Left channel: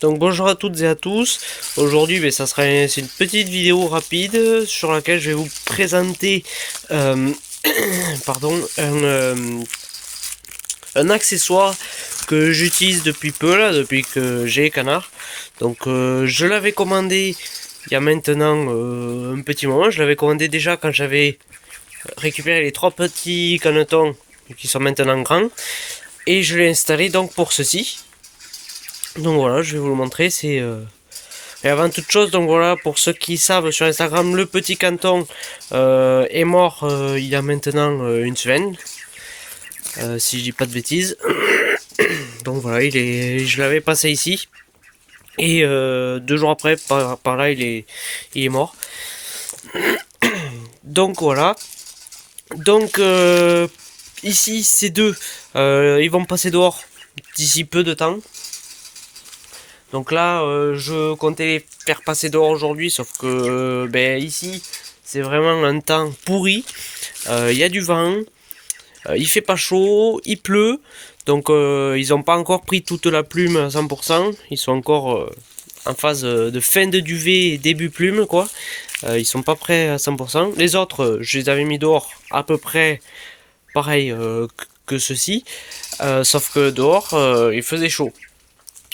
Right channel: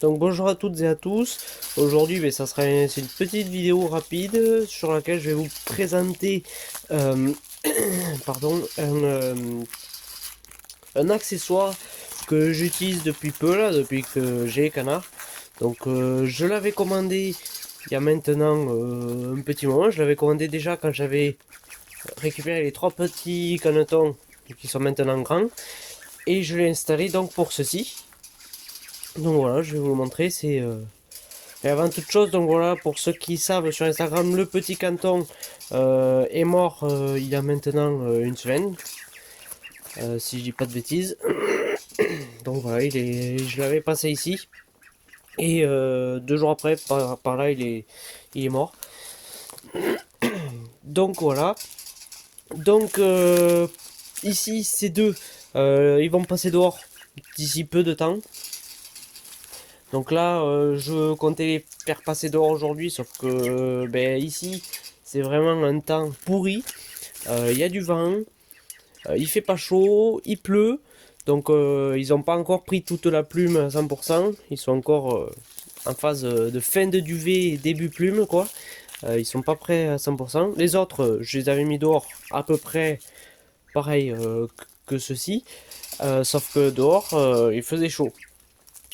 Donc bonjour à toutes et à tous. Aujourd'hui c'est une petite vidéo rapide sur laquelle je vais vous présenter pardon, un accessoire que j'utilise depuis peu là, depuis que j'ai Canard. Donc je l'avais commandé il y a maintenant un petit moment. Je l'avais commandé déjà quand j'avais récupéré les 3 petits canetons qui sont maintenant grands. Et je l'ai installé donc pour ceci. Donc voilà, je vais vous le montrer. Et avant toute chose, donc voilà, pour ceux qui savent sur Instagram, le petit canton est mort il y a maintenant une semaine, si je dis pas de bêtises. Donc voilà, je l'avais passé ici. Et 2 jours après, par là, il est mort. Donc voilà. Donc ici, ces deux, ils vont passer dehors d'ici peu de temps. Donc là, je comptais les faire passer dehors aujourd'hui, sauf que ici, c'est vraiment un temps pourri. Il y a du vent, il fait pas chaud, il pleut. Donc ils n'ont pas encore pris toute la plume à 100%. Ils sont encore en phase de fin de duvet et début plume, quoi. Ils sont pas prêts à 100%. Les autres, je les avais mis dehors à peu près pareil que ceux-ci. Sauf que dehors, il faisait chaud.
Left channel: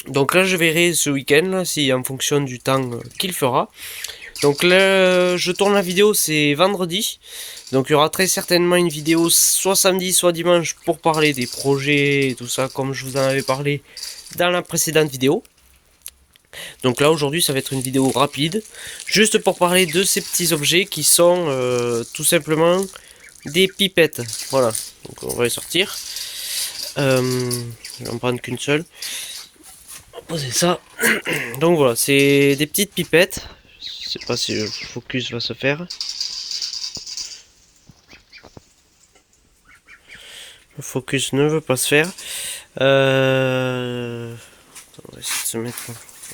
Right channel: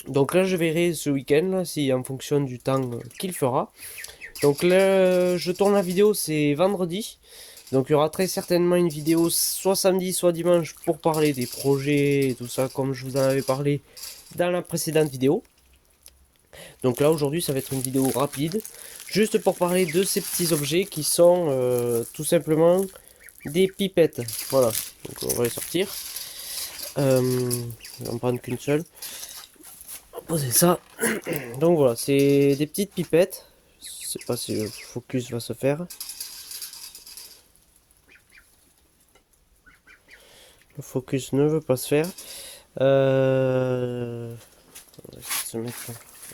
Donc là je verrai ce week-end si en fonction du temps qu'il fera. Donc là je tourne la vidéo, c'est vendredi. Donc il y aura très certainement une vidéo soit samedi soit dimanche pour parler des projets et tout ça comme je vous en avais parlé dans la précédente vidéo. Donc là aujourd'hui ça va être une vidéo rapide, juste pour parler de ces petits objets qui sont tout simplement des pipettes. Voilà, donc on va les sortir. Je vais en prendre qu'une seule. Poser ça. Donc voilà, c'est des petites pipettes. Je sais pas si le focus va se faire. Le focus ne veut pas se faire. On va essayer de se mettre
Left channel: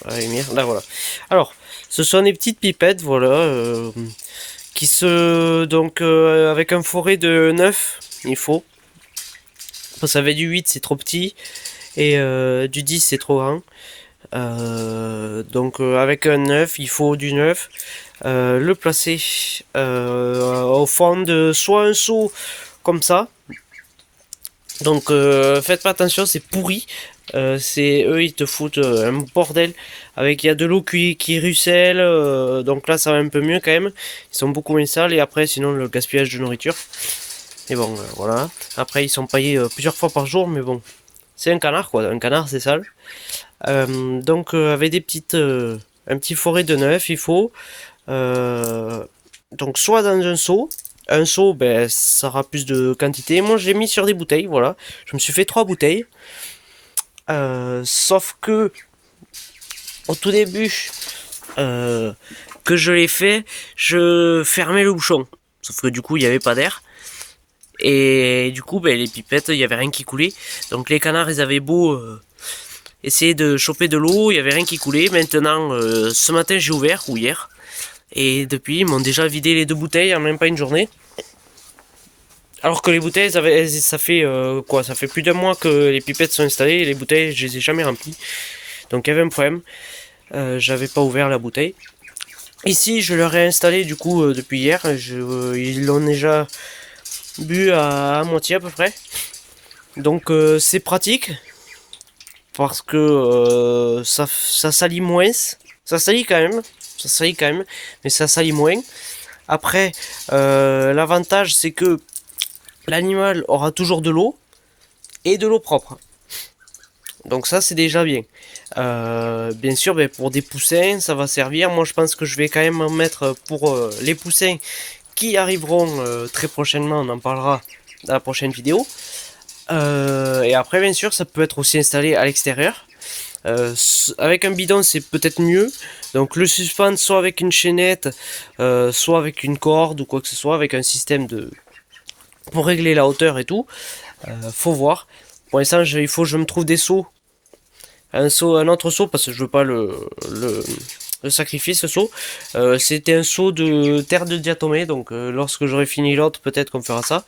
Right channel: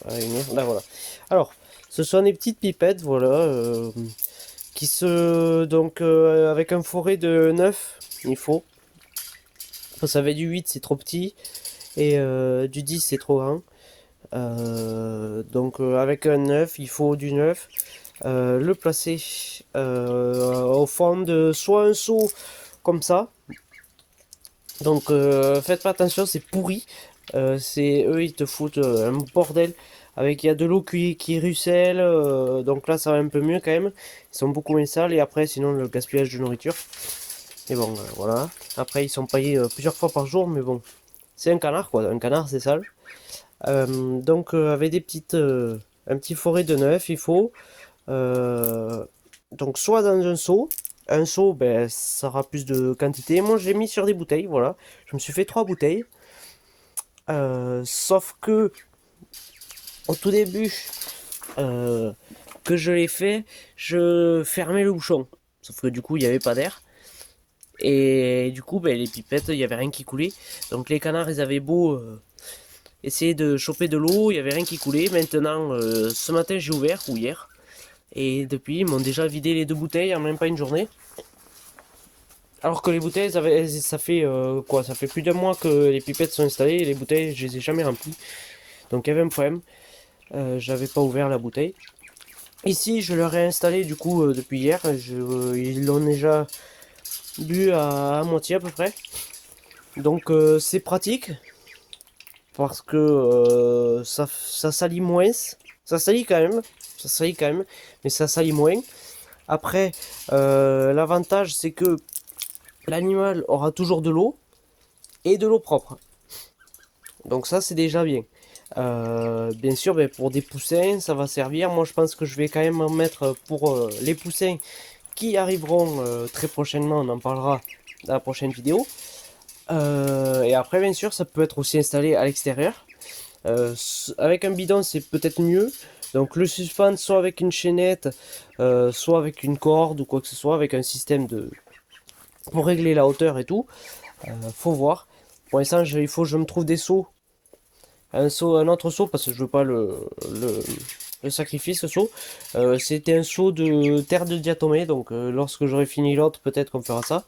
à la lumière. Là voilà. Alors, ce sont des petites pipettes, voilà, qui se donc avec un forêt de 9, il faut. Ça avait du 8, c'est trop petit, et du 10, c'est trop grand. Donc avec un 9, il faut du 9. Le placer au fond de soit un seau comme ça. Donc faites pas attention, c'est pourri. C'est eux, ils te foutent un bordel. Avec il y a de l'eau qui ruisselle. Donc là, ça va un peu mieux quand même. Ils sont beaucoup moins sales. Et après, sinon, le gaspillage de nourriture. Et bon, voilà. Après, ils sont paillés plusieurs fois par jour. Mais bon, c'est un canard quoi. Un canard, c'est sale. Donc avec des petites un petit forêt de 9 il faut donc soit dans un seau ça aura plus de quantité. Moi je l'ai mis sur des bouteilles, voilà, je me suis fait 3 bouteilles, sauf que au tout début que je l'ai fait, je fermais le bouchon, sauf que du coup il n'y avait pas d'air. Et du coup les pipettes, il n'y avait rien qui coulait. Donc les canards ils avaient beau essayer de choper de l'eau, il n'y avait rien qui coulait. Maintenant, ce matin j'ai ouvert, ou hier, et depuis ils m'ont déjà vidé les 2 bouteilles en même pas une journée. Alors que les bouteilles, ça fait quoi? Ça fait plus d'1 mois que les pipettes sont installées et les bouteilles, je les ai jamais remplies. Donc il y avait un problème, j'avais pas ouvert la bouteille. Ici, je leur ai installé du coup depuis hier, ils l'ont déjà bu à moitié à peu près. Donc c'est pratique. Parce que ça salit moins. Ça salit quand même. Ça salit quand même. Mais ça salit moins. Après, l'avantage c'est que l'animal aura toujours de l'eau. Et de l'eau propre. Donc ça c'est déjà bien. Bien sûr, pour des poussins, ça va servir. Moi je pense que je vais quand même en mettre pour les poussins qui arriveront très prochainement. On en parlera dans la prochaine vidéo. Et après, bien sûr, ça peut être aussi installé à l'extérieur. Avec un bidon, c'est peut-être mieux. Donc le suspendre soit avec une chaînette, soit avec une corde ou quoi que ce soit, avec un système pour régler la hauteur et tout. Faut voir. Pour l'instant, il faut que je me trouve des seaux. Un autre seau, parce que je veux pas le sacrifier, ce seau. C'était un seau de terre de diatomée, donc lorsque j'aurai fini l'autre, peut-être qu'on fera ça.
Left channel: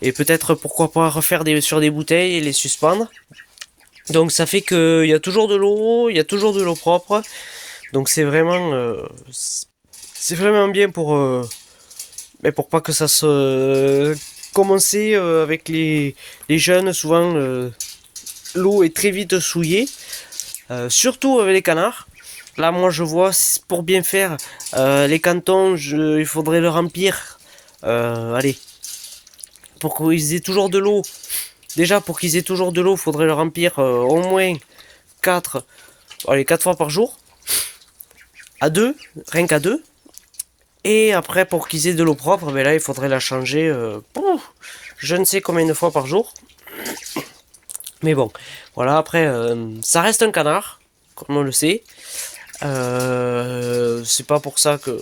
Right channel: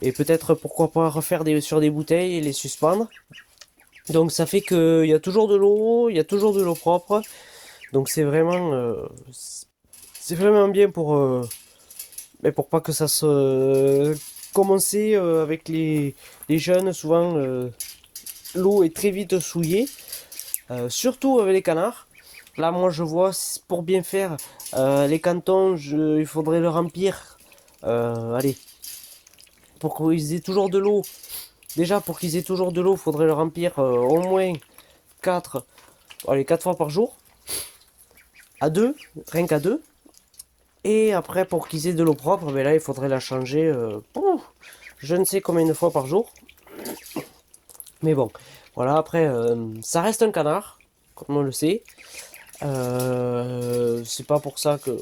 Et peut-être pourquoi pas refaire sur des bouteilles et les suspendre. Donc ça fait qu'il y a toujours de l'eau, il y a toujours de l'eau propre. Donc c'est vraiment bien mais pour pas que ça se commencer avec les jeunes. Souvent l'eau est très vite souillée, surtout avec les canards. Là moi je vois pour bien faire les cantons, il faudrait le remplir. Allez, pour qu'ils aient toujours de l'eau. Déjà pour qu'ils aient toujours de l'eau, il faudrait le remplir au moins 4 4 fois par jour. À 2, rien qu'à 2. Et après, pour qu'ils aient de l'eau propre, ben là, il faudrait la changer je ne sais combien de fois par jour. Mais bon, voilà, après, ça reste un canard, comme on le sait. C'est pas pour ça que...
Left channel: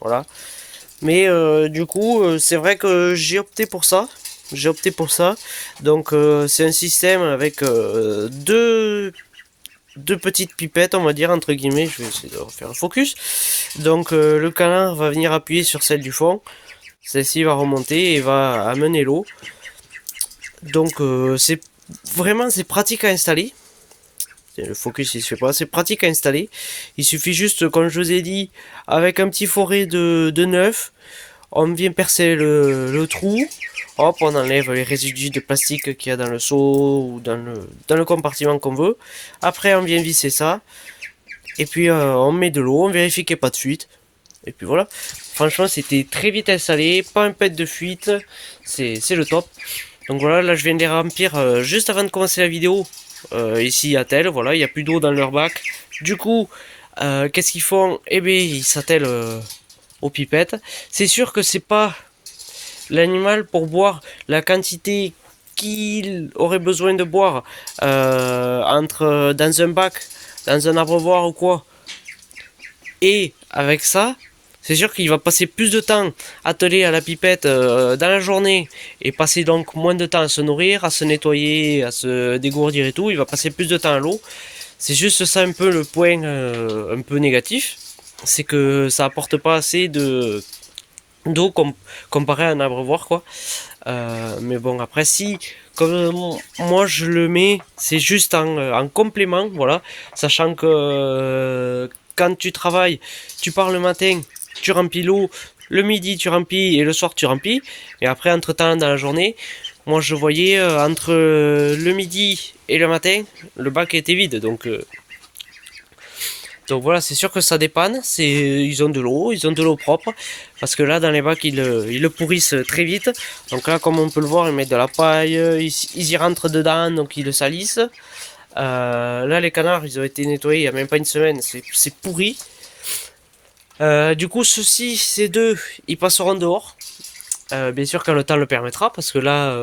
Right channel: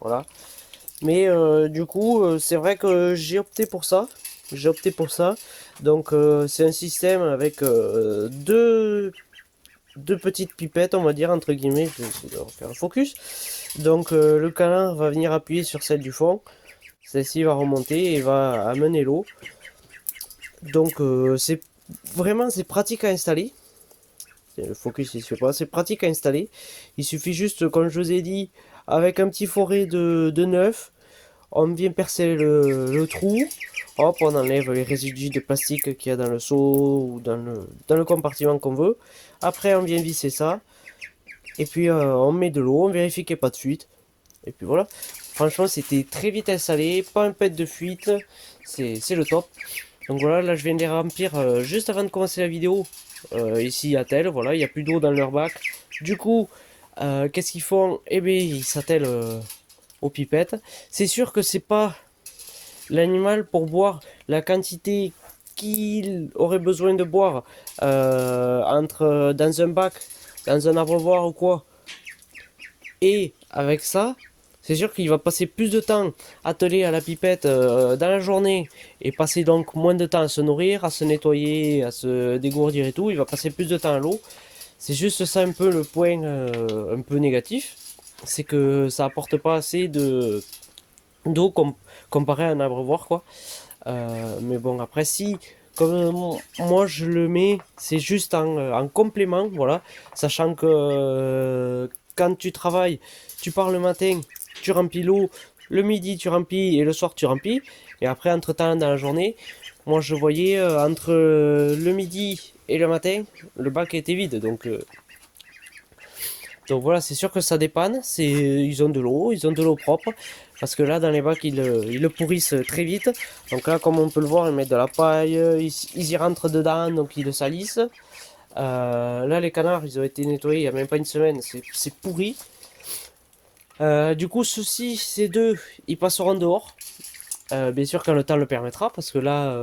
Voilà. Mais du coup, c'est vrai que j'ai opté pour ça. J'ai opté pour ça. Donc, c'est un système avec deux petites pipettes, on va dire, entre guillemets. Je vais essayer de refaire un focus. Donc le canard va venir appuyer sur celle du fond. Celle-ci va remonter et va amener l'eau. Donc c'est pratique à installer. Le focus il se fait pas, c'est pratique à installer. Il suffit juste, comme je vous ai dit, avec un petit forêt de neuf, on vient percer le trou. Hop, on enlève les résidus de plastique qu'il y a dans le seau ou dans le compartiment qu'on veut. Après on vient visser ça. Et puis on met de l'eau, on vérifie qu'il n'y a pas de fuite. Et puis voilà. Franchement, c'était très vite installé, pas un pet de fuite. C'est le top. Donc voilà, là je viens de les remplir juste avant de commencer la vidéo. Ici à tel, voilà, il n'y a plus d'eau dans leur bac. Du coup, qu'est-ce qu'ils font? Eh bien, ils s'attellent aux pipettes. C'est sûr que c'est pas l'animal pour boire la quantité qu'il aurait besoin de boire dans un bac, dans un abreuvoir ou quoi. Et avec ça, c'est sûr qu'il va passer plus de temps attelé à la pipette dans la journée et passer donc moins de temps à se nourrir, à se nettoyer, à se dégourdir et tout. Il va passer plus de temps à l'eau. C'est juste ça un peu le point un peu négatif. C'est que ça apporte pas assez d'eau comparé à un abreuvoir quoi. Mais bon après si comme moi je le mets, c'est juste en complément, voilà, sachant que quand tu travailles, tu pars le matin, tu remplis l'eau, le midi tu remplis et le soir tu remplis, et après entre temps dans la journée, moi je voyais entre le midi et le matin, le bac était vide, donc voilà, c'est sûr que ça dépanne. Ils ont de l'eau propre. Parce que là, dans les bacs, ils le pourrissent très vite. Donc là, comme on peut le voir, ils mettent de la paille, ils y rentrent dedans, donc ils le salissent. Là, les canards, ils ont été nettoyés il n'y a même pas une semaine. C'est pourri. Du coup, ces deux, ils passeront dehors. Bien sûr, quand le temps le permettra. Parce que là,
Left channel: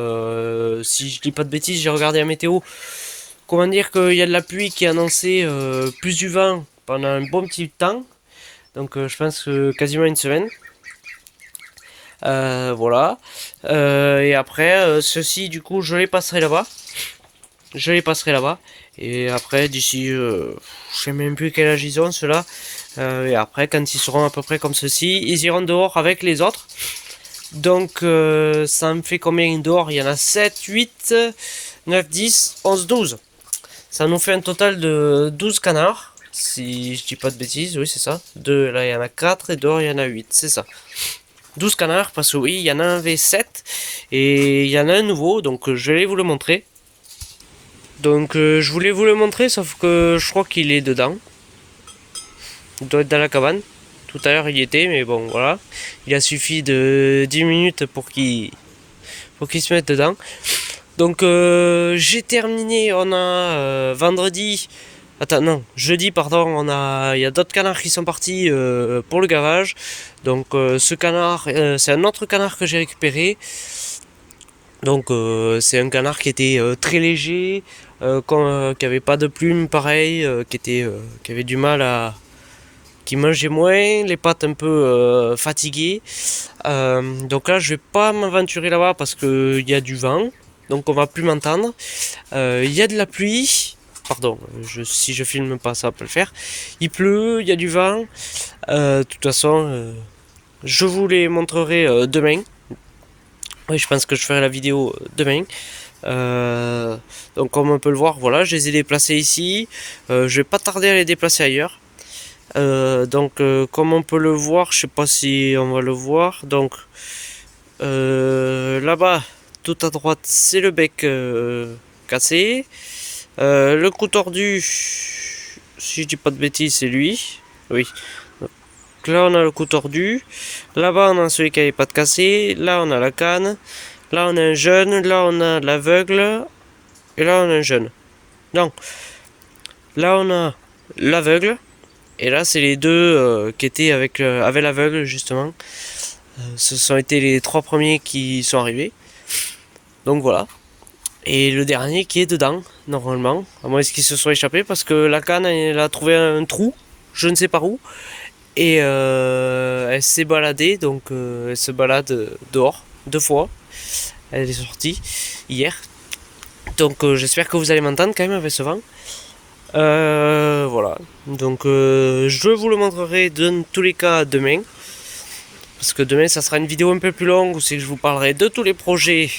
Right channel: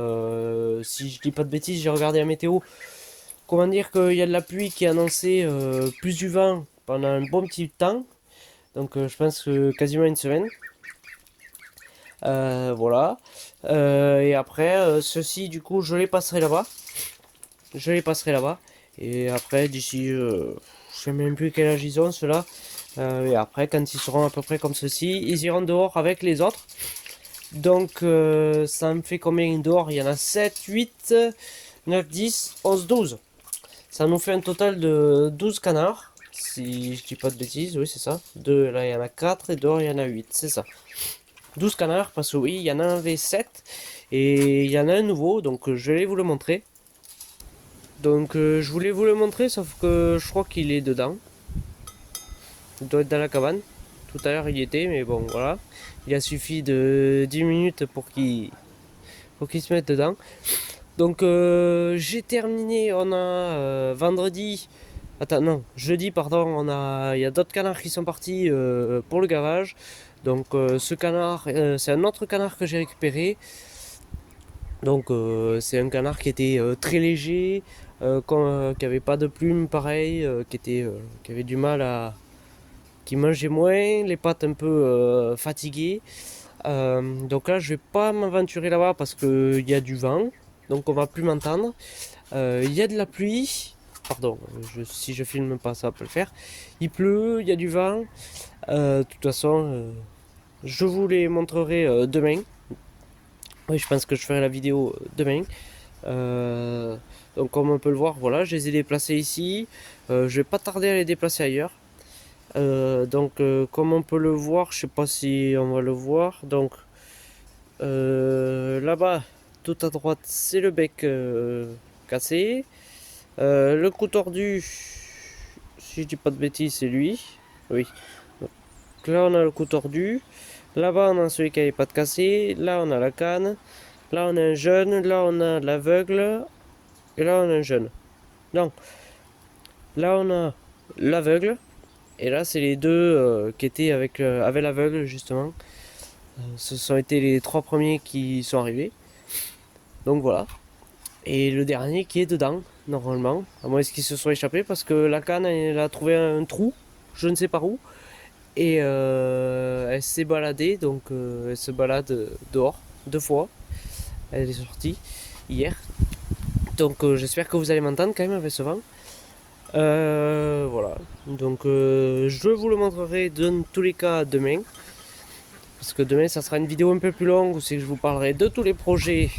si je dis pas de bêtises, j'ai regardé la météo. Comment dire qu'il y a de la pluie qui est annoncée, plus du vent pendant un bon petit temps. Donc je pense quasiment une semaine. Voilà. Et après, ceux-ci, du coup, je les passerai là-bas. Et après, d'ici, je sais même plus quel âge ils ont, ceux-là. Et après, quand ils seront à peu près comme ceux-ci, ils iront dehors avec les autres. Donc, ça me fait combien dehors? Il y en a 7, 8, 9, 10, 11, 12. Ça nous fait un total de 12 canards. Si je dis pas de bêtises, oui c'est ça. Là il y en a 4 et dehors il y en a 8, c'est ça. 12 canards parce que oui, il y en a un V7 et il y en a un nouveau, donc je vais vous le montrer. Donc je voulais vous le montrer sauf que je crois qu'il est dedans. Il doit être dans la cabane. Tout à l'heure il y était, mais bon voilà. Il a suffi de 10 minutes pour qu'il se mette dedans. Donc j'ai terminé, on a vendredi, attends non, jeudi pardon, il y a d'autres canards qui sont partis pour le gavage. Donc ce canard, c'est un autre canard que j'ai récupéré. Donc c'est un canard qui était très léger, qui avait pas de plumes pareil, qui avait du mal qui mangeait moins, les pattes un peu fatiguées. Donc là je vais pas m'aventurer là-bas parce qu'il y a du vent. Donc on va plus m'entendre. Il y a de la pluie. Pardon, si je filme pas ça peut le faire. Il pleut, il y a du vent. De toute façon, je vous les montrerai demain. Oui, je pense que je ferai la vidéo demain. Donc comme on peut le voir, voilà, je les ai déplacés ici. Je vais pas tarder à les déplacer ailleurs. Comme on peut le voir, je sais pas si on va le voir. Donc là-bas, tout à droite, c'est le bec cassé. Le coup tordu, si je dis pas de bêtises, c'est lui. Oui. Donc là, on a le coup tordu. Là-bas, on a celui qui avait pas de cassé. Là, on a la canne. Là, on a un jeune. Là, on a l'aveugle. Et là, on a un jeune. Donc, là, on a l'aveugle. Et là, c'est les deux qui étaient avec l'aveugle, justement. Ce sont été les 3 premiers qui sont arrivés. Donc voilà. Et le dernier qui est dedans, normalement. À moins qu'ils se soient échappés, parce que la canne, elle a trouvé un trou, je ne sais pas où. Et elle s'est baladée, donc elle se balade dehors, 2 fois. Elle est sortie hier. Donc j'espère que vous allez m'entendre quand même avec ce vent. Voilà. Donc je vous le montrerai dans tous les cas demain. Parce que demain ça sera une vidéo un peu plus longue où c'est que je vous parlerai de tous les projets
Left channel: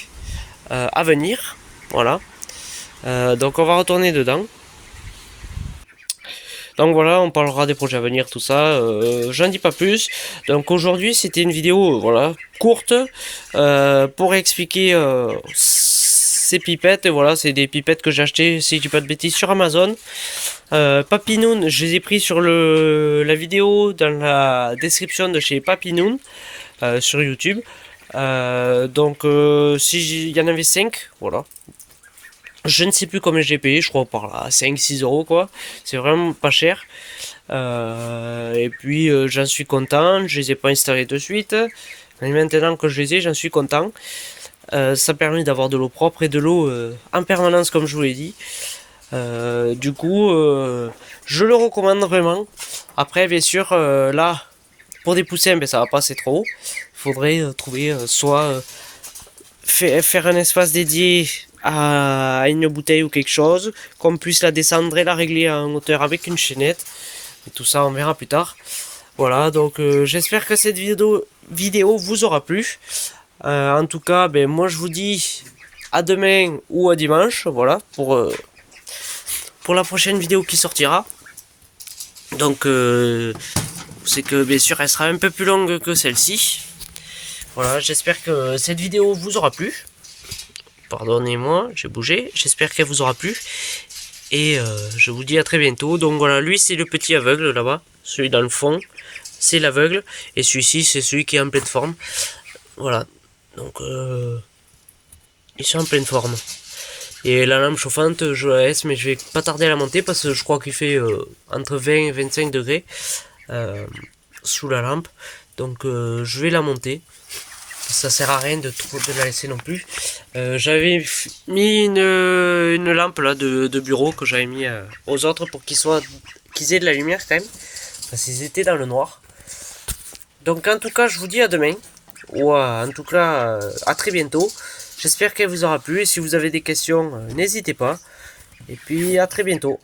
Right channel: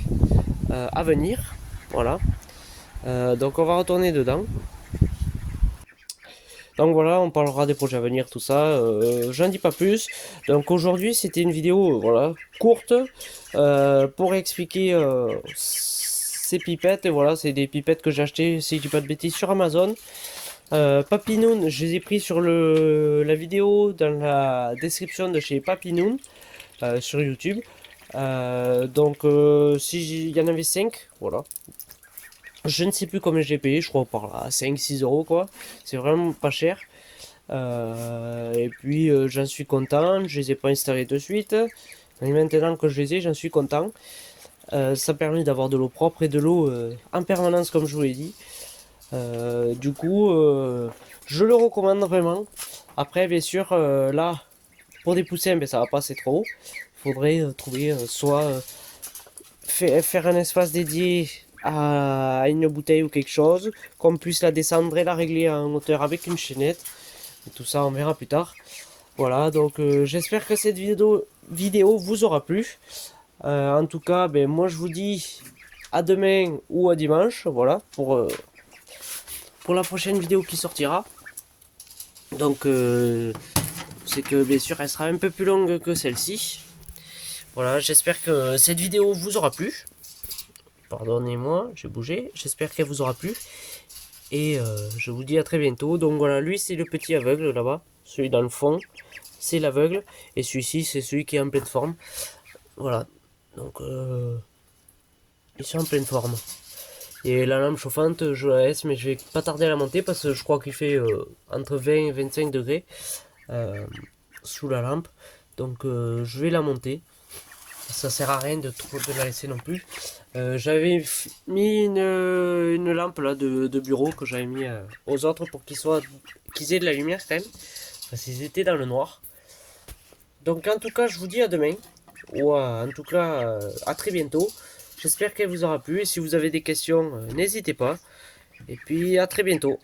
à venir. Voilà. Donc on va retourner dedans. Donc voilà, on parlera des projets à venir, tout ça. J'en dis pas plus. Donc aujourd'hui, c'était une vidéo, voilà, courte pour expliquer ces pipettes. Et voilà, c'est des pipettes que j'ai achetées, si je dis pas de bêtises, sur Amazon. Papinoon, je les ai pris sur la vidéo dans la description de chez Papinoon sur YouTube. Si il y en avait 5, voilà. Je ne sais plus combien j'ai payé, je crois par là 5-6 euros quoi. C'est vraiment pas cher. Et puis j'en suis content, je les ai pas installés de suite. Mais maintenant que je les ai, j'en suis content. Ça permet d'avoir de l'eau propre et de l'eau en permanence comme je vous l'ai dit. Je le recommande vraiment. Après bien sûr là, pour des poussins, ben, ça va passer trop haut. Il faudrait trouver soit faire un espace dédié à une bouteille ou quelque chose, qu'on puisse la descendre et la régler en hauteur avec une chaînette. Et tout ça, on verra plus tard. Voilà, donc j'espère que cette vidéo vous aura plu. En tout cas, ben, moi je vous dis à demain ou à dimanche, voilà, pour la prochaine vidéo qui sortira. Donc, c'est que bien sûr, elle sera un peu plus longue que celle-ci. Voilà, j'espère que cette vidéo vous aura plu. Pardonnez-moi, j'ai bougé. J'espère qu'elle vous aura plu. Et je vous dis à très bientôt. Donc voilà, lui c'est le petit aveugle là-bas. Celui dans le fond, c'est l'aveugle. Et celui-ci, c'est celui qui est en pleine forme. Voilà. Donc, ils sont en pleine forme. Et la lampe chauffante, je la laisse, mais je vais pas tarder à la monter parce que je crois qu'il fait entre 20 et 25 degrés sous la lampe. Donc, je vais la monter. Ça sert à rien de la laisser non plus. J'avais mis une lampe là de bureau que j'avais mis aux autres pour qu'ils aient de la lumière quand même. Parce qu'ils étaient dans le noir. Donc en tout cas, je vous dis à demain. Ou en tout cas, à très bientôt. J'espère qu'elle vous aura plu. Et si vous avez des questions, n'hésitez pas. Et puis à très bientôt.